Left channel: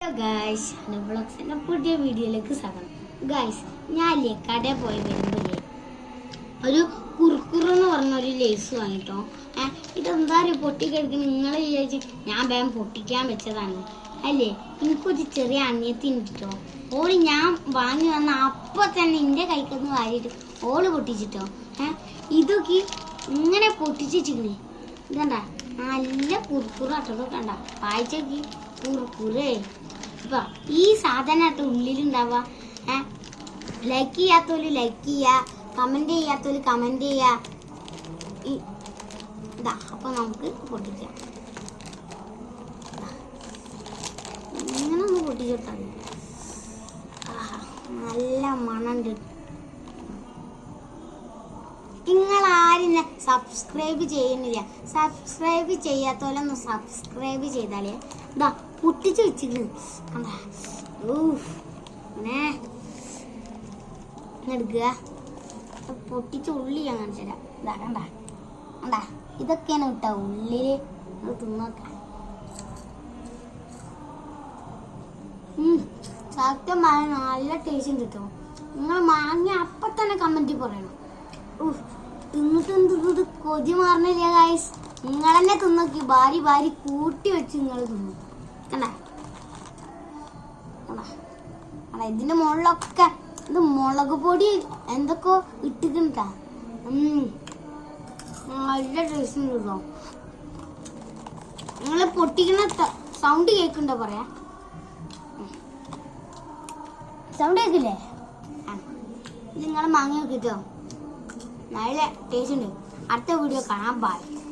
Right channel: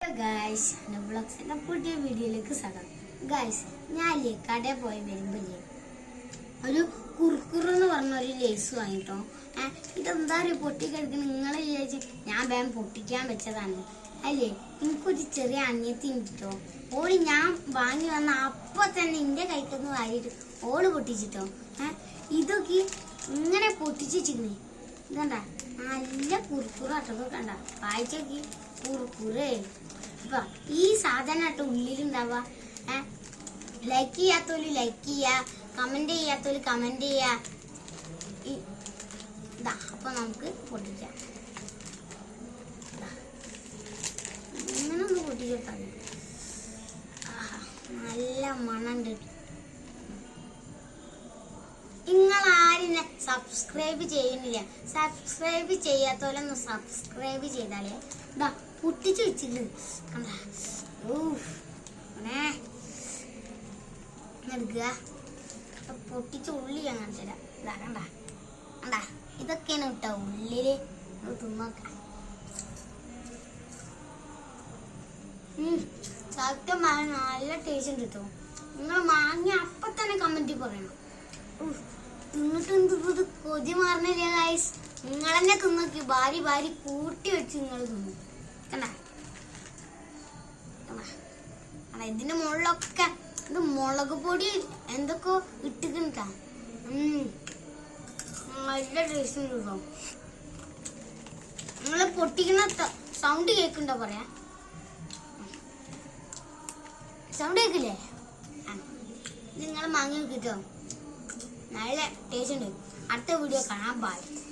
Guys ബ്ലോഗ്സിന്റെ പുതിയ വീഡിയോയിലേക്ക് സ്വാഗതം. ഗായ്സ് ഞാനില്ലേ കടയിൽ പോയി വരുമ്പോഴേ ഒരു കുർക്കുറു എന്ന് പറഞ്ഞ ഒരു ലേസ് വാങ്ങിട്ടോ ഇതെന്താ പറയുക പൊട്ടിക്കെടുക്കുന്ന നിങ്ങളെ വിചാരിച്ച് ഞാൻ വേഗം പൊട്ടിക്കാൻ വെച്ചതാണ്. അല്ലേ? എനിക്കൊരു ചെറിയ അന്യത്തിനിട്ടോ ഓൾ ഞാൻ വാങ്ങി വന്ന അപ്പൊ തന്നെ എന്റെ കൈക്കൊന്ന് വാരിയിട്ട് ഓൾ പൊട്ടിച്ചിട്ടോ. ഇതൊക്കെ ഇങ്ങനെ പൊട്ടിച്ചിരിക്കണേ ഇതണ്ട നല്ല കുർക്കുറു അട്ടൊക്കെ കണ്ട? വായിച്ചോക്കി. കുറുക്കുറേ ഇപ്പൊ ഈ സാധനമായിട്ട് ഉള്ളിലുണ്ടാവുക. ലൈക്ക് ചെയ്യാത്തോൽ ലൈക്ക് ചെയ്യുക കമന്റ് ചെയ്യാത്തോൽ കമന്റ് ചെയ്യുക ഇതാ അപ്പൊ നമുക്ക് പൊട്ടിക്കാം. ഇങ്ങനെ ഒന്ന് പൊട്ടിച്ചിട്ടാൽ നല്ല ആഹാ, നിങ്ങൾ ആരും സബ്സ്ക്രൈബ് ചെയ്യുന്നില്ല. സബ്സ്ക്രൈബ് ചെയ്യാത്തോലൊന്ന് സബ്സ്ക്രൈബ് ചെയ്താലേ ഇതാ പൊട്ടിച്ച് വെച്ചിട്ട് കണ്ടാ? ഓ എടുക്കുക. പൊട്ടിച്ച് ഉള്ളി ഞാൻ കാണിച്ചു ഇതാ കണ്ട? കണ്ട? ഇതൊക്കെയാണ് കേട്ടോ ഉള്ളി ഇത് തിന്നോക്ക. സത്യം പറഞ്ഞ നല്ല ടേസ്റ്റ് ഉണ്ട് നിങ്ങൾ വാങ്ങി അപ്പൊ തന്നെ കമന്റിൽ പറയണം. തിന്നിട്ട് കൊതി മാറണില്ലേ ഗായ്സ് നിങ്ങൾ തന്നെ തിന്നോക്കി. ഭാരി ഭാരി കൂട്ടി വെച്ച് നിങ്ങൾ തിന്നു. ഇതിന്റെ മുകളിലൊക്കെ ഇത് മുളക് പൊടി എന്തൊക്കെ ഇട്ടിട്ടുണ്ട്. നല്ല ടേസ്റ്റ് ഉണ്ട് നിങ്ങൾ പൊട്ടിക്കുന്ന സൗണ്ട് കേക്കുണ്ടോ പറയാ? സൗണ്ട് കേൾക്കില്ലേ? ഇത് നിങ്ങളെ മാങ്ങ കിട്ടോ നല്ല ടേസ്റ്റ് ഉണ്ട്. അടുത്ത വീഡിയോ കാണാൻ പാടില്ല